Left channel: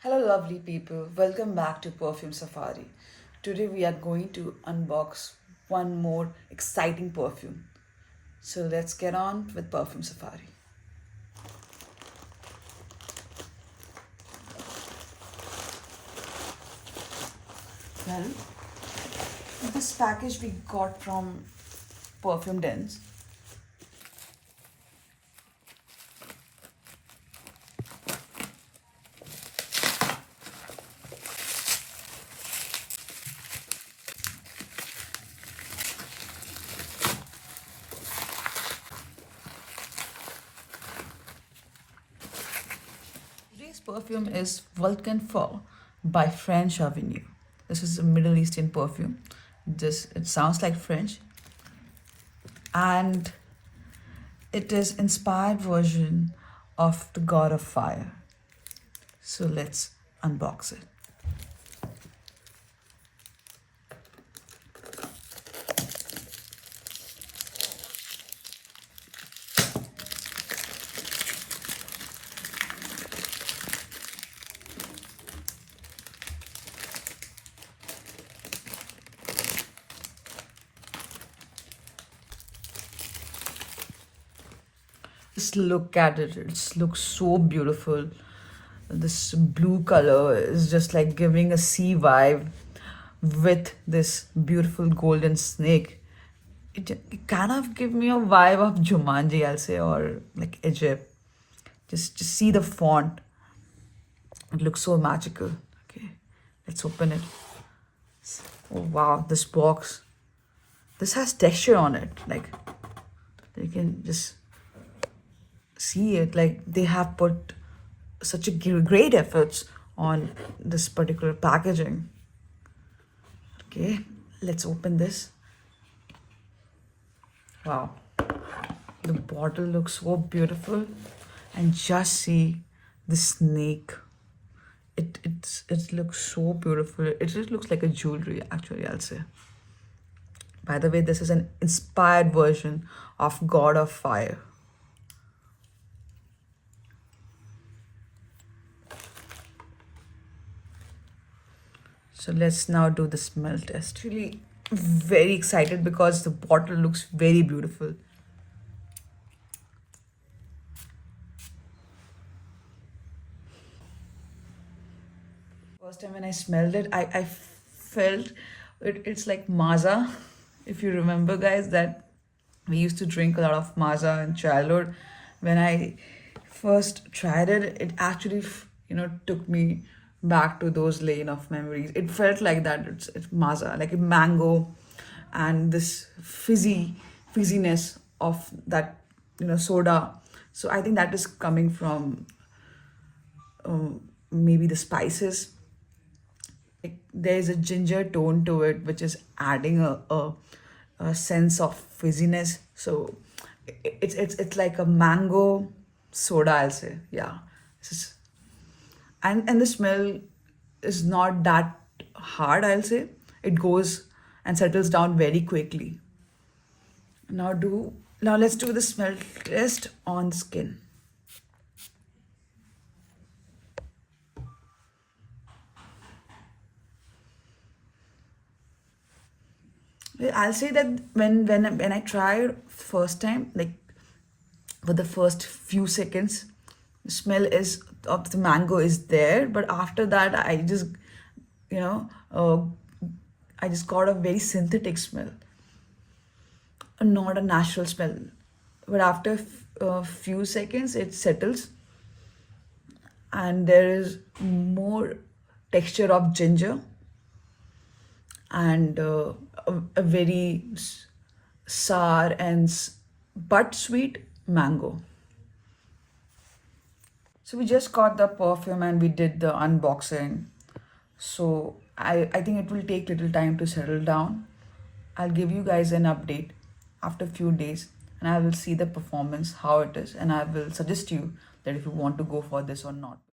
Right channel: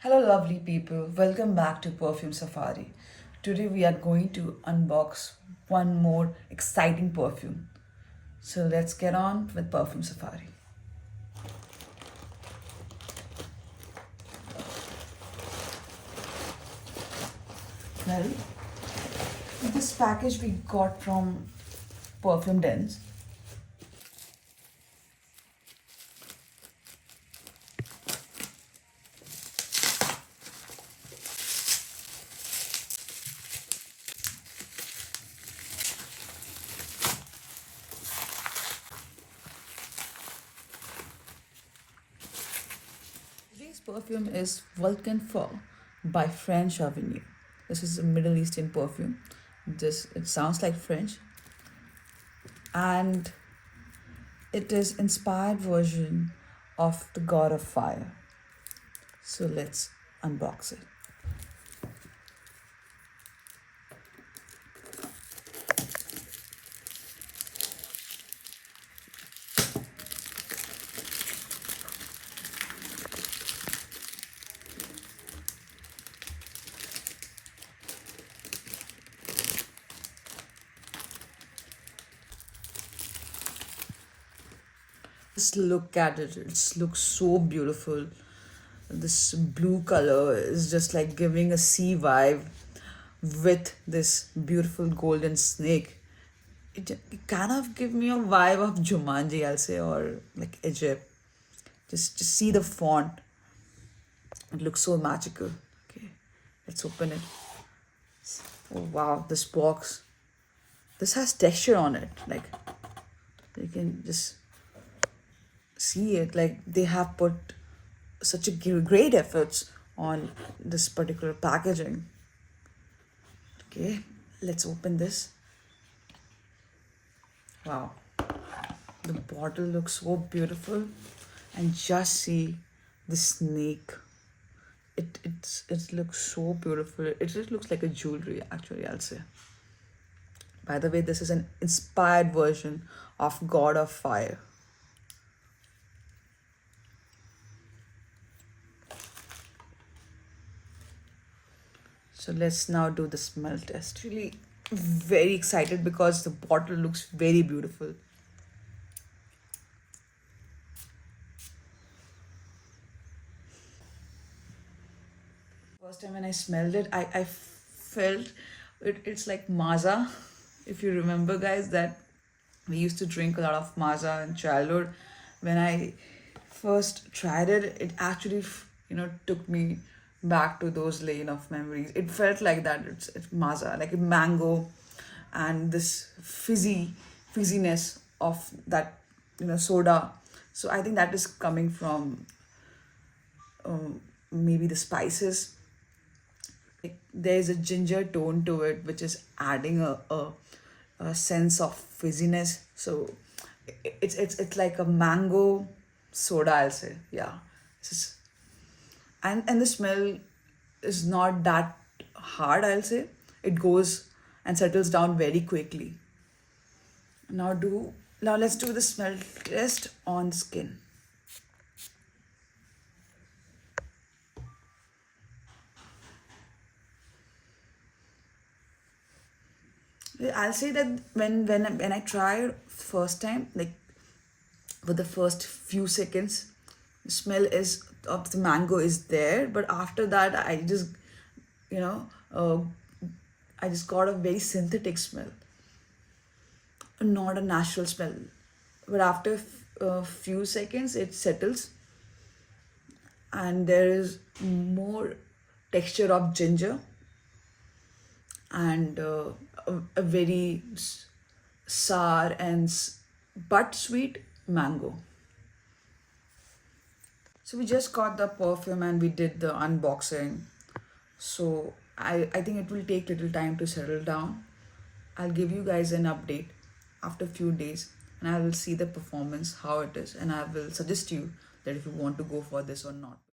Hello, lovely people. Welcome back to Perfume Safari. Today, we are going to unbox one more exciting perfume. So, let's get on with Perfume Safari. Well, this package we got from Perfume Dens. Today's perfume is Vulcan Feu by French Avenue. This is a Middle Eastern perfume. It sounds like French, and it is inspired version of the God of Fire. So let's unbox it. Just look at it. It looks so beautiful. This blue color is just like giving a sea vibe with this beautiful golden snake. It kind of give me a vibe of Jumanji, I'll say, or like Egypt. Just see the font. It looks so magical. Okay, let's open it. Oh wow, this box. This has texture on it. Like you can just see it, like they have put such a great efforts on this particular packaging. Okay, let's open this. Wow, the bottle looks so beautiful, and just see the snake. It looks so beautiful. It just looks like a jewelry, actually, I'll say. By the way, this is an inspired version of God of Fire. So let's now do the smell test. Really very excited because the bottle looks very beautiful. First time when I smelled it, I felt it's like maza. If you remember, guys, that we used to drink a lot of maza in childhood. When I first tried it, it actually, took me back to those lane of memories. It felt like that. It's maza, like a mango, and this fizziness of that, soda. So I think that is coming from maybe the spices. Like there is a ginger tone to it, which is adding a sense of fizziness. So it's like a mango soda, I'll say. Yeah. And the smell is not that hard, I'll say. It goes and settles down very quickly. Now let's do the smell test on skin. I'll say that when I tried first time, like for the first few seconds, the smell is of the mango is there, but after that, you know, uh, I just got a very synthetic smell, not a natural smell. But after a few seconds, it settles, and there is more texture of ginger and a very sour and but sweet mango. So we just got the perfume and we did the unboxing. So I think it will take little time to settle down. I'll give you guys an update after a few days, and I will see the performance, how it is, and I will suggest you that if you want to go for this or not.